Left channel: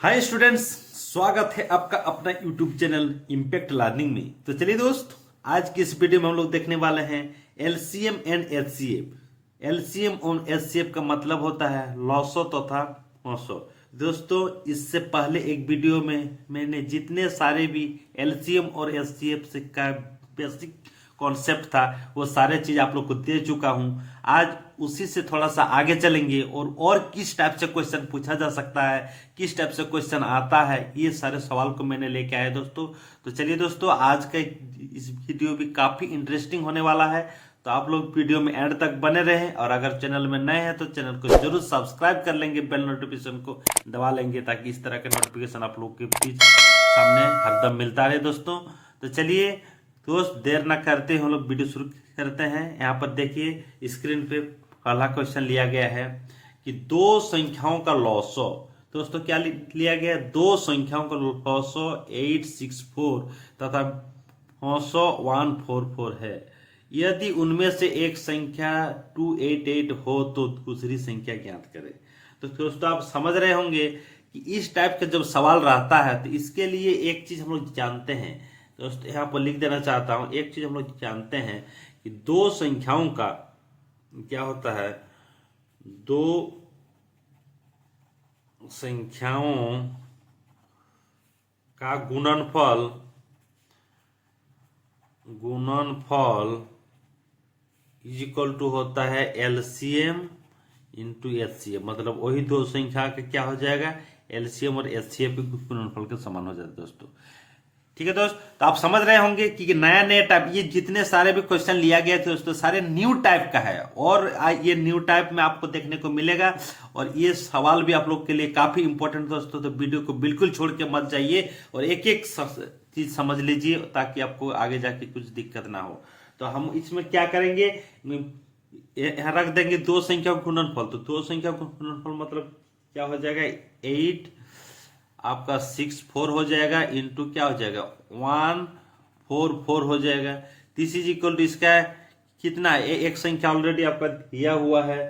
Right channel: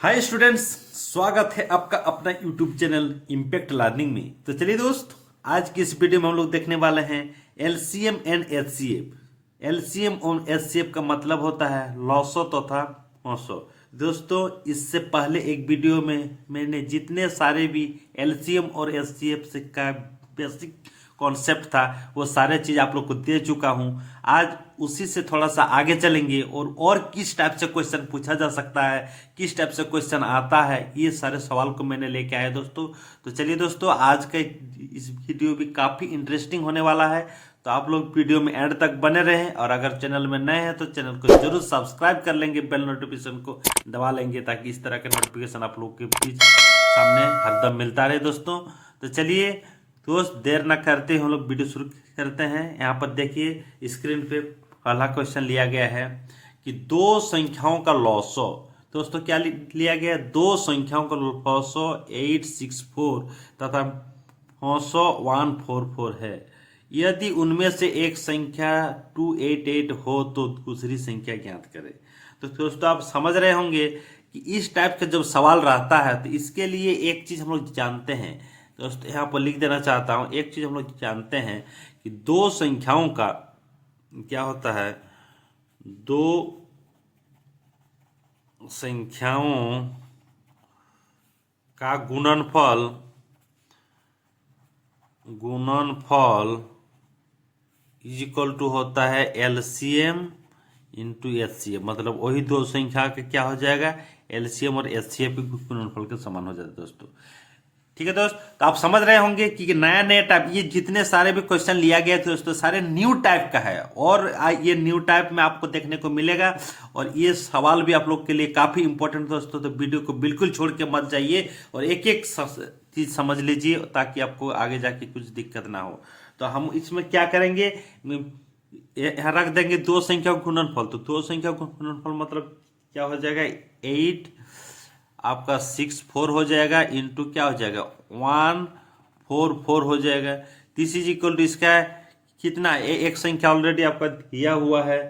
Hi students, स्वागत है आपका अपना यूट्यूब चैनल इम्पैक्ट लर्निंग में। तो चलिए दोस्त, आज की इस वीडियो में हम लोग देखने वाले हैं एलसीएम एंड एचसीएफ। एलसीएम और एचसीएफ का मतलब होता है लॉसो तथा औसो। दोस्तों, इससे पहले एक वीडियो में मैंने जितने सारे भी एलसीएम और एचसीएफ से का बेसिक कॉन्सेप्ट था वो सारे चीज आप लोग को दे चुका हूं। आज उसी से थोड़ा सा आगे चलेंगे और किस टाइप से क्वेश्चन पूछा जा सकता है, किस टाइप से क्वेश्चन आता है, ये सारे सवाल को मैंने लेके आया दोस्तों। तो चलिए दोस्तों, आज का इस वीडियो भी काफी इंटरेस्टिंग होने वाला है। तो आप लोग वीडियो में एंड तक बने रहें और अगर चैनल में नए हैं तो चैनल को जरूर सब्सक्राइब कर लेंगे, बेल नोटिफिकेशन को दबा लेंगे ताकि इस तरह के नोटिफिकेशन आप लोग के बीच सामने हरदम मिलता रहे दोस्तों। तो चलिए दोस्त, देर न करते हम लोग वीडियो शुरू करते हैं। यहाँ पर देखिए स्क्रीन पे पहला क्वेश्चन लिया गया है कि दो संख्याओं का लॉसो। दोस्तों क्या लिया गया है? दो संख्याओं का लॉसो 864 तथा 144 है। यदि उनमें से एक संख्या 288 हो तो दूसरी संख्या ज्ञात करें। तो दोस्तों आप समझ रहे होंगे कि इस टाइप का जब सवाल रहता है तो इसके लिए एक चीज हम लोग जानते हैं दोस्तों, यहाँ पर लिख देना चाहता हूं। एक चीज हम लोग जानते हैं कि दो संख्याओं का क्या होता है, दो संख्याओं का गुणनफल इज इक्वल टू होता है एलसीएम इंटू एचसीएफ। मतलब वही दो संख्या का क्या हो जाएगा, एलसीएम और एचसीएफ के गुणनफल के समान हो जाता है दोस्तों। ठीक है दोस्त, तो आप समझ रहे होंगे कि नया नया टाइप, ये जितने सारे भी क्वेश्चन लिया गया थे दोस्तों सारे न्यू टाइप का है और ये न्यू टाइप में आपको देखने को मिलेगा। और ये सवाल भी आप लोग के लिए काफी इंपॉर्टेंट दोस्तों, तो वीडियो को बिल्कुल छोड़ के मत जाइए और एक एक चीज समझ लीजिए ताकि आपको आगे जाके कुछ दिक्कत ना हो। तो हम इसमें क्या करेंगे, रख देंगे दो संख्या का गुणनफल। तो दो संख्या का गुणनफल मतलब क्या हो जाएगा, 8 आपका 64 हो जाएगा इंटू क्या हो जाएगा 144 हो जाएगा। दिस इज इक्वल टू इसका कितना, एक संख्या ऑलरेडी आपका दिया हुआ है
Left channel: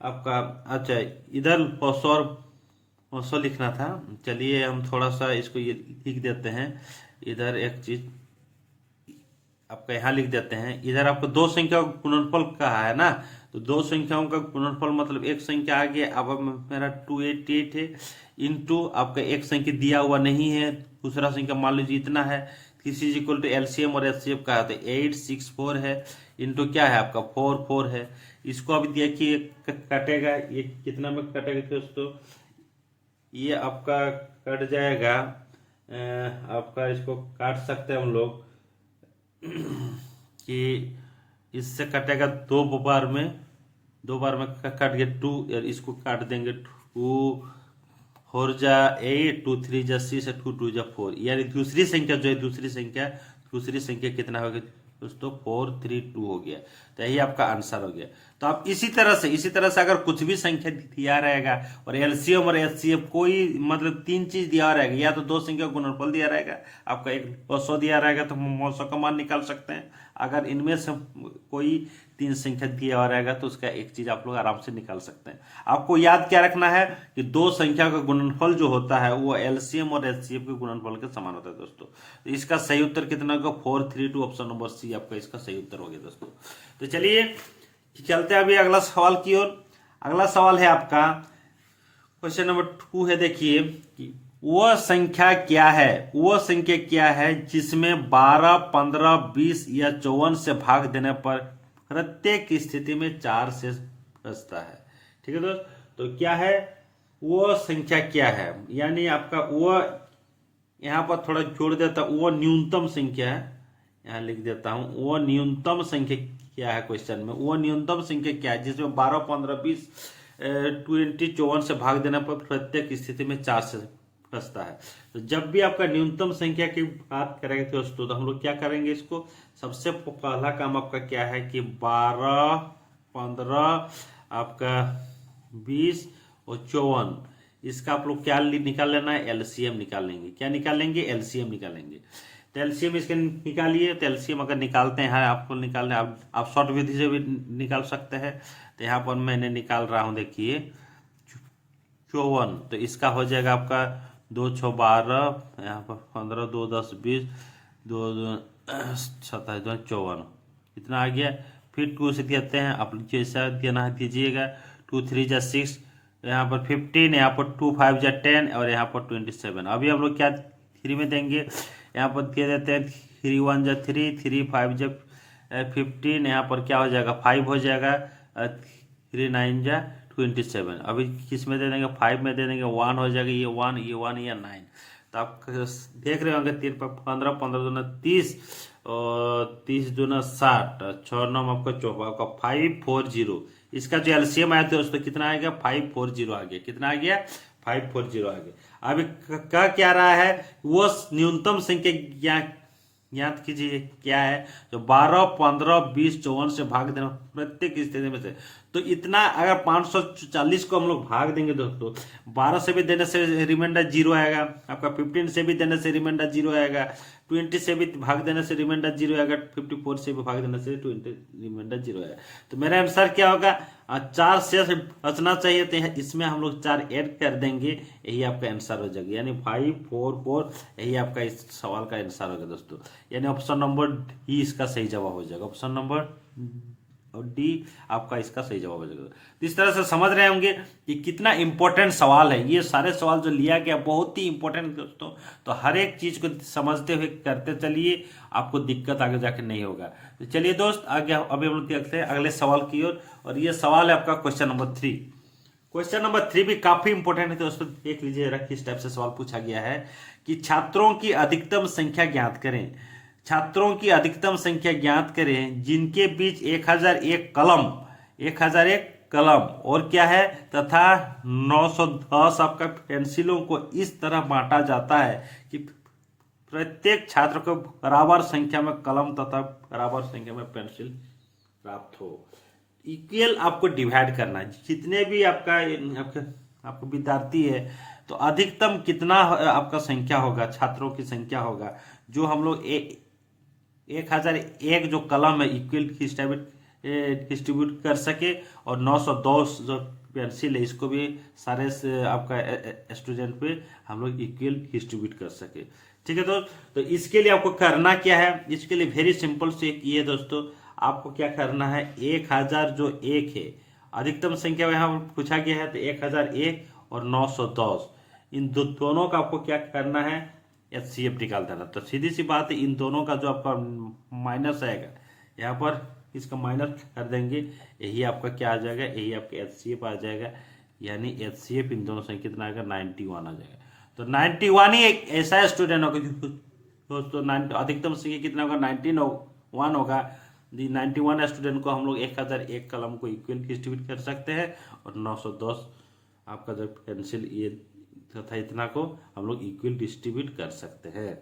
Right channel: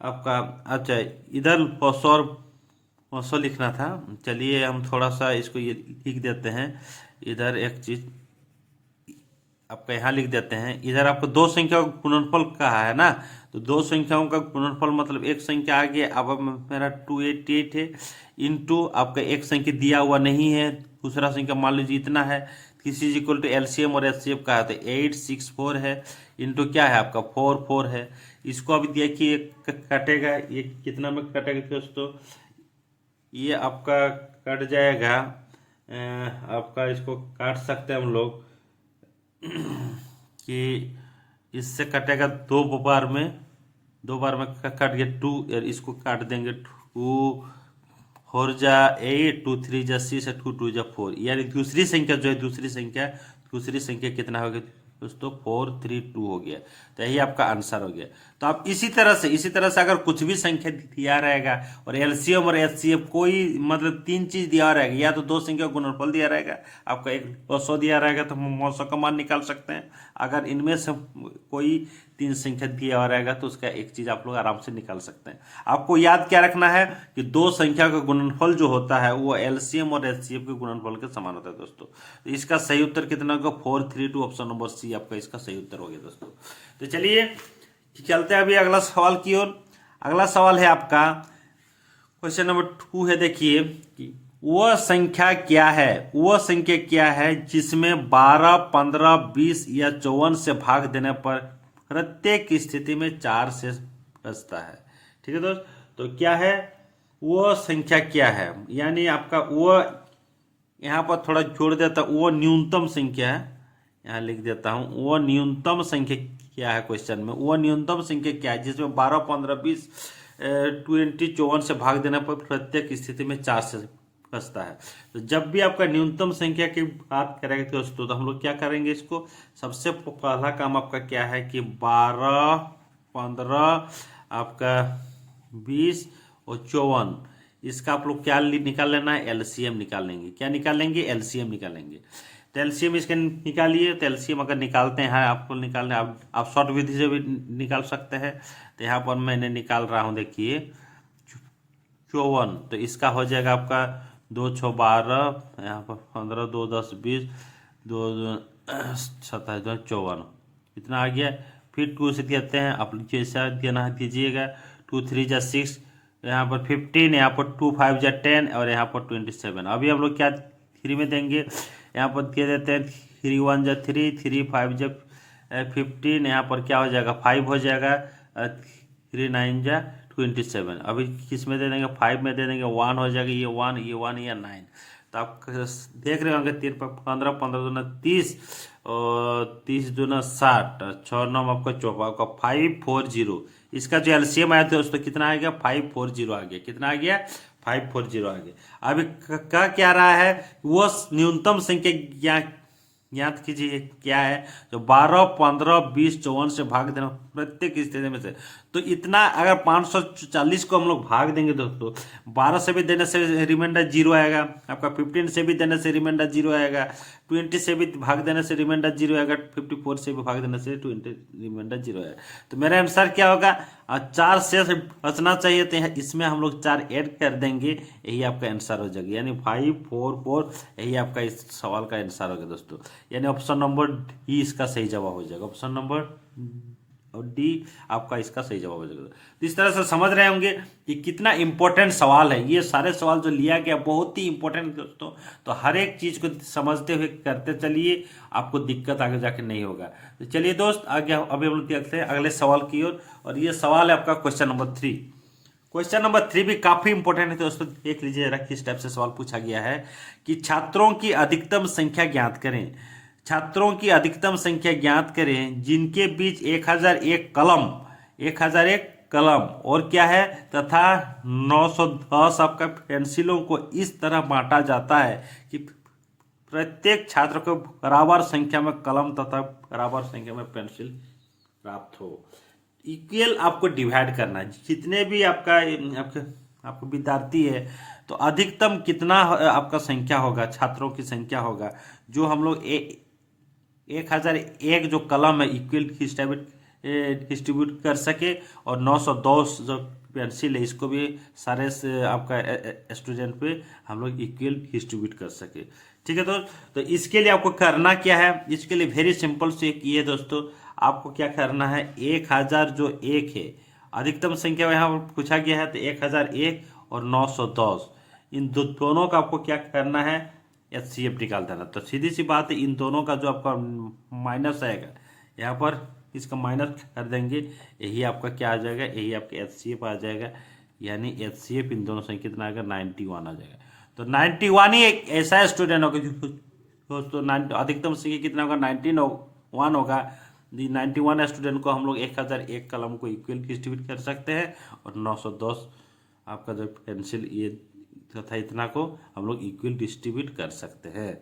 आपका। अच्छा, इधर 500 लिखना था। चलिए हम थोड़ा सा इसको ये लिख देते हैं। इधर एक चीज आपका यहाँ लिख देते हैं। इधर आपको दो संख्या का गुणनफल कहा है ना, तो दो संख्याओं का गुणनफल मतलब एक संख्या आ गया, अब मेरा 288 है इंटू आपका एक संख्या दिया हुआ नहीं है, दूसरा संख्या मान लीजिए इतना है। This is equal to LCM और एचसीएफ कहा था 864 है इंटू क्या है आपका 44 है। इसको अभी देखिए कटेगा, ये कितना में कटेगा दोस्तों, ये आपका कट जाएगा आपका, इसको काट सकते हैं हम लोग कि इससे कटेगा दो बार में कट गया 2, इसको काट देंगे 2 4 जा 8, 2 3 जा 6, 2 2 जा 4, यानी दूसरी संख्या जो है दूसरी संख्या कितना हो गया दोस्तों, 432 हो गया। तो यही आपका आंसर हो गया। तो आप इसी तरह से अगर कुछ भी संख्या दिया रहेगा और एलसीएम और एचसीएफ कोई मतलब तीन चीज दिया रहेगा, या तो दो संख्या का गुणनफल दिया रहेगा आपका, एक 200 दिया रहेगा तो हम 900 का मान निकाल सकते हैं। अगर इनमें से कोई तीन संख्या दिया हुआ रहेगा तो उसका एक चीज आप लोग आराम से निकाल सकते हैं। आपको याद क्या रखना है कि दो संख्या का गुणनफल जो होता है वो एलसीएम और एचसीएफ के गुणनफल के समान होता है दोस्तों। तो इसका सही उत्तर कितना होगा, 432, ऑप्शन नंबर सी आपका इसका सही उत्तर हो गया दोस्तों। तो चलिए चलते हैं अभी अगला सवाल की ओर। अगला सवाल है आपका क्वेश्चन नंबर 2 है। देखिए कि वह संख्या क्या है जिसमें 12, 15, 20 या 54 से भाग देने पर प्रत्येक स्थिति में 4 से बचता है। ठीक है दोस्त, तो क्या है वो संख्या क्या है, यानी आपका वो यहाँ पर थोड़ा जोड़ देता, वो न्यूनतम संख्या है, यहाँ लिख देता हूं, वो न्यूनतम संख्या क्या है क्वेश्चन में, वो न्यूनतम संख्या क्या है जिसमें 12, 15, 20, 20, 54 से भाग देने पर प्रत्येक स्थिति में 4 से बचता है। तो जब भी आपका न्यूनतम संख्या की बात करेंगे दोस्तों तो हम लोग क्या करेंगे, इसको सबसे पहला काम आपका क्या है कि 12, 15 आपका 20 और 54, इसका आप लोग क्या निकाल लेना है, एलसीएम निकाल लेंगे। क्या निकालेंगे, एलसीएम निकालेंगे। तो एलसीएम इसके निकालिए। तो एलसीएम अगर निकालते हैं आपको निकालने, आप शॉर्ट विधि से भी निकाल सकते हैं। तो यहाँ पर मैंने निकाल रहा हूँ, देखिए 54, तो इसका हो जाएगा आपका 2 6 12, यहाँ पर 15, 2 10 20, 2 27, 2 54, इतना आ गया। फिर 2 से कहते हैं, आप जैसा देना है दीजिएगा। 2 3 जा 6, यहाँ पर 15, यहाँ पर 2 5 जा 10 और यहाँ पर 27। अभी हम लोग क्या 3 में देंगे, यहाँ पर दे देते हैं 3 1 जा 3, 3 5 जा 15, यहाँ पर क्या हो जाएगा 5 हो जाएगा, 3 9 जा 27। अभी किस में दे देंगे 5 में दे देंगे 1 हो जाएगा, ये 1 ये 1 ये 9। तो आप देख रहे होंगे 3 पर 15, 15 दूना 30 और 30 दूना 60, 6 9 आपका 54, आपका 540। इसका जो एलसीएम आया था दोस्तों कितना आ गया 540 आ गया। कितना आ गया 540 आ गया। अभी कह क्या रहा है, वो न्यूनतम संख्या ज्ञात कीजिए क्या है, जो 12 15 20 54 से भाग देना प्रत्येक स्थिति में से। तो इतना अगर 540 को हम लोग भाग देंगे दोस्तों, 12 से भी देने से रिमाइंडर 0 आएगा, आपका 15 से भी देने से रिमाइंडर 0 आएगा, 20 से भी भाग देने से रिमाइंडर 0 आएगा, 54 से भी भाग देने से 20 रिमाइंडर 0 आएगा। तो मेरा आंसर क्या होगा, 4 से बचना चाहिए, तो इसमें हम लोग 4 ऐड कर देंगे, यही आपका आंसर हो जाएगा, यानी 544 यही आपका इस सवाल का आंसर होगा दोस्तों। यानी ऑप्शन नंबर डी इसका सही जवाब हो जाएगा। ऑप्शन नंबर और डी आपका इसका सही जवाब हो जाएगा। तो इस तरह से समझ रहे होंगे कि कितना इंपॉर्टेंट सवाल है। ये सारे सवाल जो लिया गया बहुत ही इंपॉर्टेंट दोस्तों। तो हर एक चीज को समझते हुए करते चलिए, आपको दिक्कत आगे जाके नहीं होगा। तो चलिए दोस्त आगे अभी हम लोग देखते हैं अगले सवाल की ओर। और ये सवाल है आपका क्वेश्चन नंबर 3। क्वेश्चन नंबर 3 भी काफी इंपॉर्टेंट है दोस्तों। देख लीजिए जरा किस टाइप से सवाल पूछा गया है कि छात्रों की अधिकतम संख्या ज्ञात करें। छात्रों की अधिकतम संख्या ज्ञात करें जिनके बीच 1001 कलम और क्या है तथा 910 आपका पेंसिलों को इस तरह बांटा जाता है कि प्रत्येक छात्र को बराबर संख्या में कलम तथा बराबर संख्या में पेंसिल प्राप्त हो। इक्वल आपको डिवाइड करना है। जितने भी आपका विद्यार्थी है तो अधिकतम कितना आपका संख्या होगा, छात्रों की संख्या होगा, जो हम लोग 1001 जो कलम है इक्वल डिस्ट्रीब्यूट कर सके, और 910 जो पेंसिल है इसको भी सारे से आपका स्टूडेंट पे हम लोग इक्वल डिस्ट्रीब्यूट कर सके। ठीक है तो इसके लिए आपको करना क्या है, इसके लिए वेरी सिंपल से ये दोस्तों, आपको क्या करना है 1000 जो 1 है अधिकतम संख्या यहाँ पूछा गया है, तो 1001 और 910 इन दोनों का आपको क्या करना है एचसीएफ निकाल देना। तो सीधी सी बात है, इन दोनों का जो आपका माइनस आएगा यहाँ पर इसका माइनस कर देंगे, यही आपका क्या आ जाएगा, यही आपका एचसीएफ आ जाएगा। यानी एचसीएफ इन दोनों से कितना आएगा 91 आ जाएगा। तो 91 ही एक ऐसा स्टूडेंट होगा दोस्तों, अधिकतम संख्या कितना होगा 91 होगा। 91 स्टूडेंट को हम लोग 1001 कलम को इक्वल डिस्ट्रीब्यूट कर सकते हैं, और 910 आपका जो पेंसिल ये तथा इतना को हम लोग इक्वल डिस्ट्रीब्यूट कर सकते हैं।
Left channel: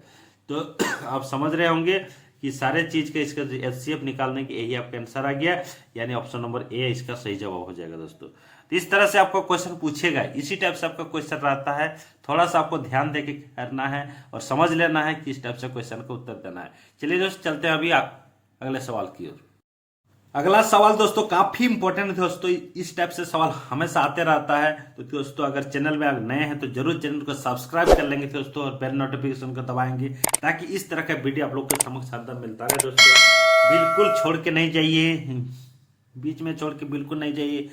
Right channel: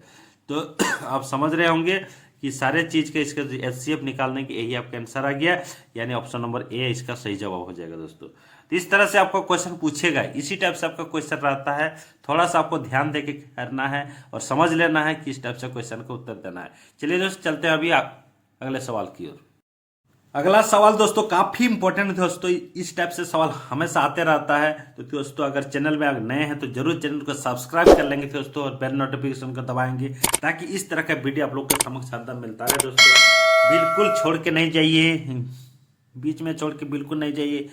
तो आप समझ रहे होंगे कि सारे चीज का इसका एचसीएफ निकालने की यही आपका आंसर आ गया, यानी ऑप्शन नंबर ए इसका सही जवाब हो जाएगा दोस्तों। तो इस तरह से आपको क्वेश्चन पूछेगा, इसी टाइप से आपका क्वेश्चन रहता है। थोड़ा सा आपको ध्यान देके करना है और समझ लेना है कि इस टाइप से क्वेश्चन का उत्तर देना है। चलिए दोस्तों चलते हैं अभी अगले सवाल की ओर। अगला सवाल दोस्तों काफी इंपॉर्टेंट है दोस्तों, इस टाइप से सवाल हमेशा आते रहता है। तो दोस्तों अगर चैनल में अगर नए हैं तो जरूर चैनल को सब्सक्राइब कर लेंगे दोस्तों, और बेल नोटिफिकेशन को दबाएंगे, ताकि इस तरह का वीडियो आप लोग के समक्ष हरदम मिलता है दोस्तों। बिल्कुल छोड़ के नहीं जाइए, बीच में छोड़ के बिल्कुल नहीं जाइए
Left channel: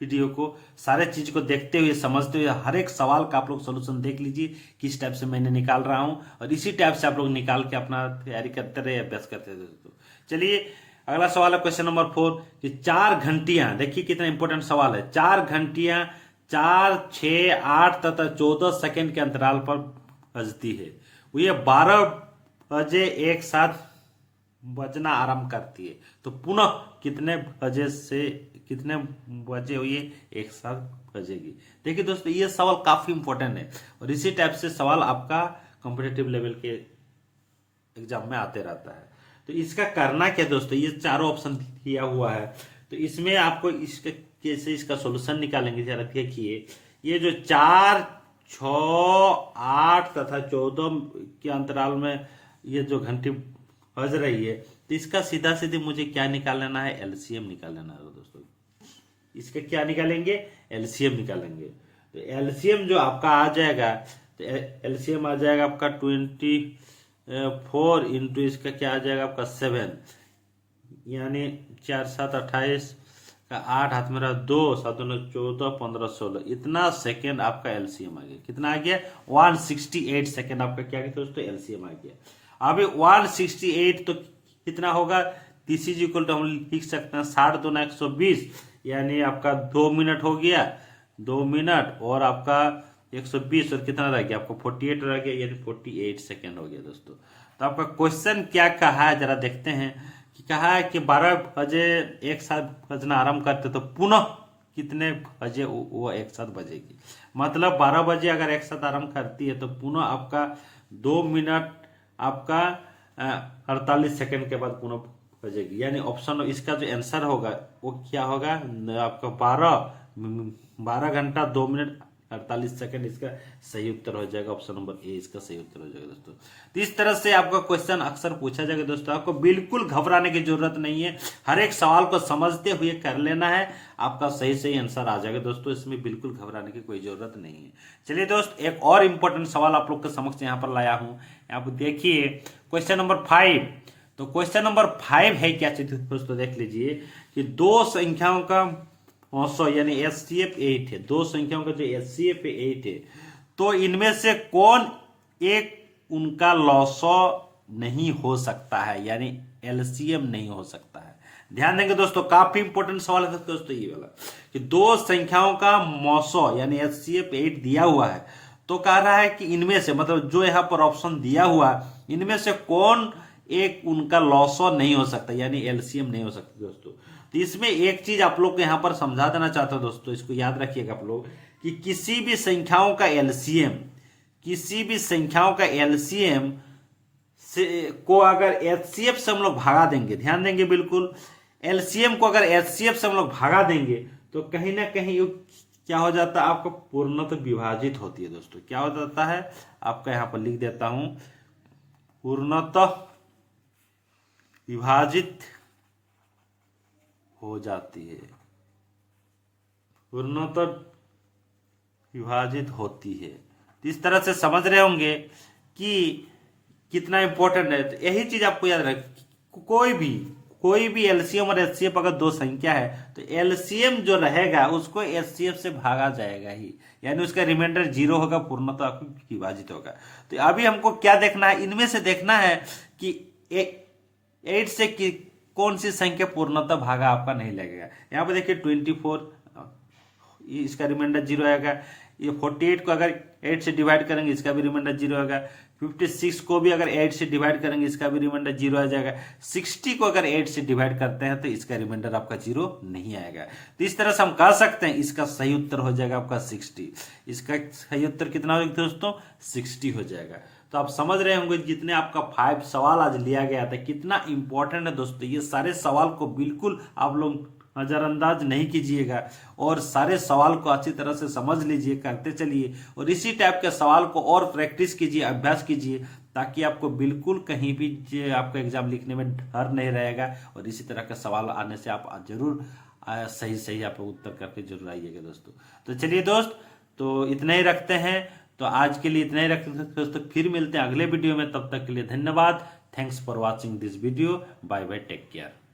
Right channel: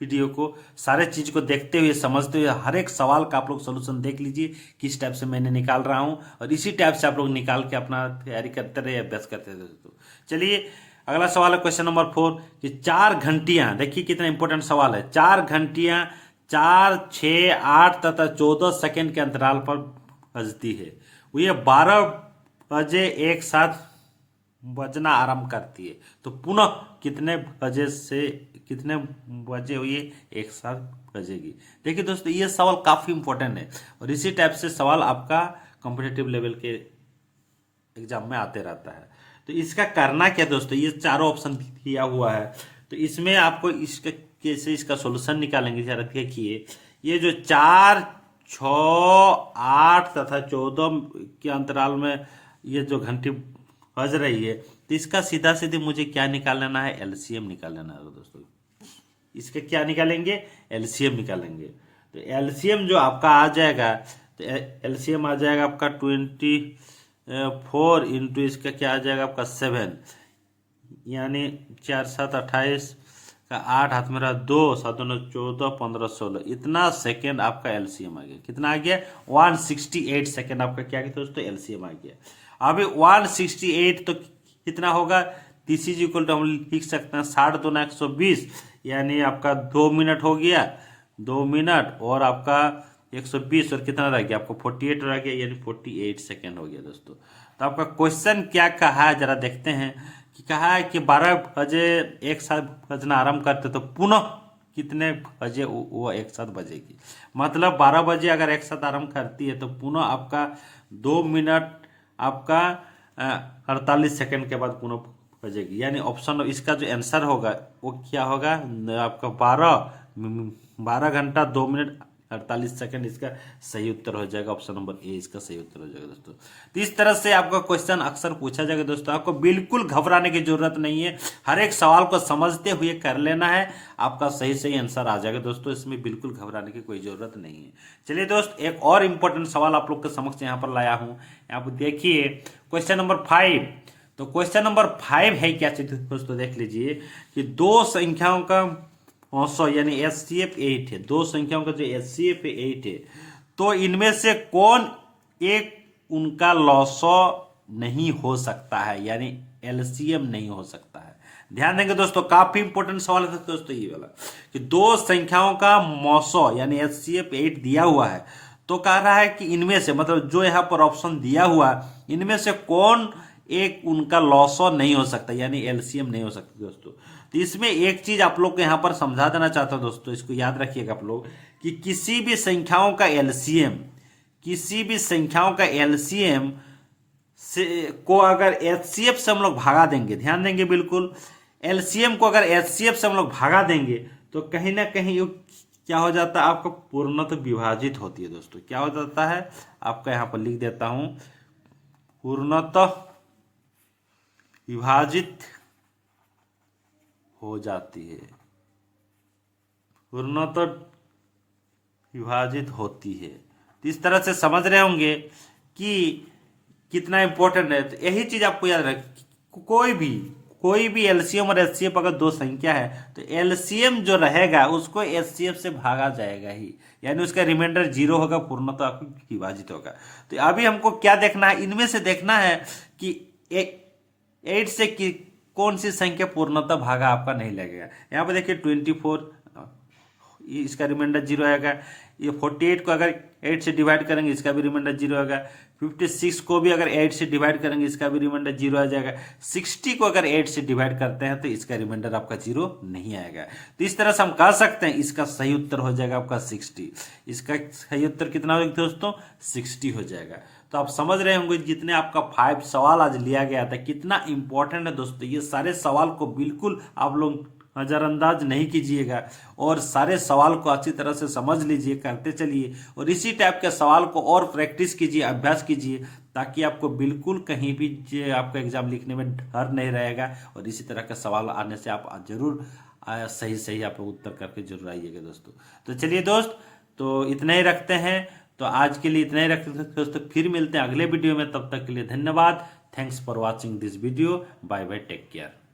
वीडियो को। सारे चीज को देखते हुए समझते हुए हर एक सवाल का आप लोग सोल्यूशन देख लीजिए किस टाइप से मैंने निकाल रहा हूं, और इसी टाइप से आप लोग निकाल के अपना तैयारी करते रहे, अभ्यास करते रहे दोस्तों। चलिए अगला सवाल है क्वेश्चन नंबर 4 कि 4 घंटियां, देखिए कितना इंपॉर्टेंट सवाल है। 4 घंटियां 4 6 8 तथा 14 सेकंड के अंतराल पर बजती है। वो ये 12 बजे एक साथ बजना आरंभ करती है। तो पुनः कितने बजे ये एक साथ बजेगी। देखिए दोस्तों ये सवाल काफी इंपॉर्टेंट है, और इसी टाइप से सवाल आपका कॉम्पिटिटिव लेवल के एग्जाम में आते रहता है। तो इसका करना क्या दोस्तों, ये चारों ऑप्शन दिया हुआ है, तो इसमें आपको इसका कैसे इसका सॉल्यूशन निकालेंगे जरा देखिए। ये जो 4 6 8 तथा 14 के अंतराल में ये जो घंटी बज रही है, तो इसका सीधा सीधी मुझे क्या निकाल लेना है, एलसीएम निकाल लेना है दोस्तों। इसके क्या निकालेंगे, एलसीएम निकालेंगे। तो एलसीएम जो आपका आ जाएगा, तो एलसीएम आ जाएगा आपका 24 इंटू इसका क्या आ जाएगा आपका 7, यानी 4 7 28 का 8 हाथ में रहा 2 7 9 14 15 16, इतना सेकेंड आपका एलसीएम आ गया। कितना आ गया? 168 सेकेंड आपका क्या गया दोस्तों? एलसीएम आ गया। अभी 168 तो कितना होगा? दिस इज इक्वल टू हम लिख सकते हैं 60 दूना 120, यानी आपका 2 मिनट हो गया, 2 मिनट और आपका 120 और कितना रह गया आपको 48 रह गया, यानी 48 सेकेंड हो गया दोस्तों। तो आपका क्वेश्चन क्या कहा है जरा देखते हैं कि कहा है कि 12 बजे एक साथ बजना आरंभ करते तो पुनः कितने बजे वो एक साथ बजेगी। मतलब 12 बजे अगर एक साथ आरंभ करती है तो पुनः आपका 2 मिनट आपका 48 सेकेंड के बाद पुनः बजेगी, यानी ऑप्शन इसका जो आंसर होगा वो क्या होगा आपका 12 घंटा 2 मिनट 48 सेकंड इसका सही उत्तर हो जाएगा। ऑप्शन नंबर ए इसका सही उत्तर हो जाएगा दोस्तों। तो इस तरह से आपका क्वेश्चन अक्सर पूछा जाएगा दोस्तों। आपको बिल्कुल घबराने की जरूरत नहीं है, हर एक सवाल को समझते हुए कर लेना है, आपका सही सही आंसर आ जाएगा दोस्तों। इसमें बिल्कुल घबराने की कोई जरूरत नहीं है। चलिए दोस्त, एक और इंपॉर्टेंट सवाल आप लोग के समक्ष यहाँ पर लाया हूँ। यहाँ पर देखिए क्वेश्चन नंबर 5। तो क्वेश्चन नंबर 5 है क्या चीज दोस्तों, देख लीजिए कि दो संख्याओं का औसत यानी HCF 8 है। दो संख्याओं का जो HCF 8 है, तो इनमें से कौन एक उनका लॉसो नहीं हो सकता है, यानी LCM नहीं हो सकता है। ध्यान देंगे दोस्तों, काफी इंपॉर्टेंट सवाल है दोस्तों ये वाला कि दो संख्याओं का मौसो यानी HCF 8 दिया हुआ है, तो कह रहा है कि इनमें से मतलब जो यहाँ पर ऑप्शन दिया हुआ है इनमें से कौन एक उनका लॉसो नहीं हो सकता, यानी LCM नहीं हो सकता दोस्तों। तो इसमें एक चीज आप लोग को यहां पर समझा देना चाहता हूं दोस्तों, इसको याद रखिएगा आप लोग कि किसी भी संख्याओं का LCM, किसी भी संख्याओं का LCM से को अगर HCF से हम लोग भागा देंगे, ध्यान देंगे बिल्कुल, LCM को अगर HCF से हम लोग भागा देंगे तो कहीं ना कहीं क्या हो जाता है, आपको पूर्णतः विभाजित होती है दोस्तों। क्या हो जाता है आपका, यहां पर लिख देता हूं, पूर्णतः विभाजित हो जाती है, पूर्णतः विभाजित होती है। तो इस तरह से समझ रहे होंगे कि कितना इंपॉर्टेंट है। तो यही चीज आपको याद रखें, कोई भी LCM और HCF अगर दो संख्या है तो LCM जो रहेगा उसको HCF से भागा जाएगा ही, यानी उसका रिमाइंडर 0 होगा, पूर्णतः आपको विभाजित होगा। तो अभी हमको क्या देखना है, इनमें से देखना है कि 8 से कौन सी संख्या पूर्णतः भागा आपका नहीं लगेगा। यहाँ पे देखिए 24, इसका रिमाइंडर 0 आएगा। ये 48 को अगर 8 से डिवाइड करेंगे इसका भी रिमाइंडर 0 आएगा। 56 को भी अगर 8 से डिवाइड करेंगे इसका भी रिमाइंडर 0 आ जाएगा। 60 को अगर 8 से डिवाइड करते हैं तो इसका रिमाइंडर आपका 0 नहीं आएगा। तो इस तरह से हम कह सकते हैं इसका सही उत्तर हो जाएगा आपका 60। इसका सही उत्तर कितना हो जाएगा दोस्तों, 60 हो जाएगा। तो आप समझ रहे होंगे जितने आपका 5 सवाल आज लिया गया था कितना इंपॉर्टेंट है दोस्तों। ये सारे सवाल को बिल्कुल आप लोग नजरअंदाज नहीं कीजिएगा और सारे सवाल को अच्छी तरह से समझ लीजिए, करते चलिए और इसी टाइप के सवाल को और प्रैक्टिस कीजिए, अभ्यास कीजिए, ताकि आपको बिल्कुल कहीं भी आपका एग्जाम लिखने में डर नहीं रहेगा और इसी तरह के सवाल आने से आप जरूर सही आप उत्तर करके जरूर आइएगा दोस्तों। तो चलिए दोस्त, तो इतना ही रखते हैं। तो आज के लिए इतना ही रखते हैं दोस्तों, फिर मिलते हैं अगले वीडियो में। तब तक के लिए धन्यवाद। Thanks for watching this video. Bye bye, take care.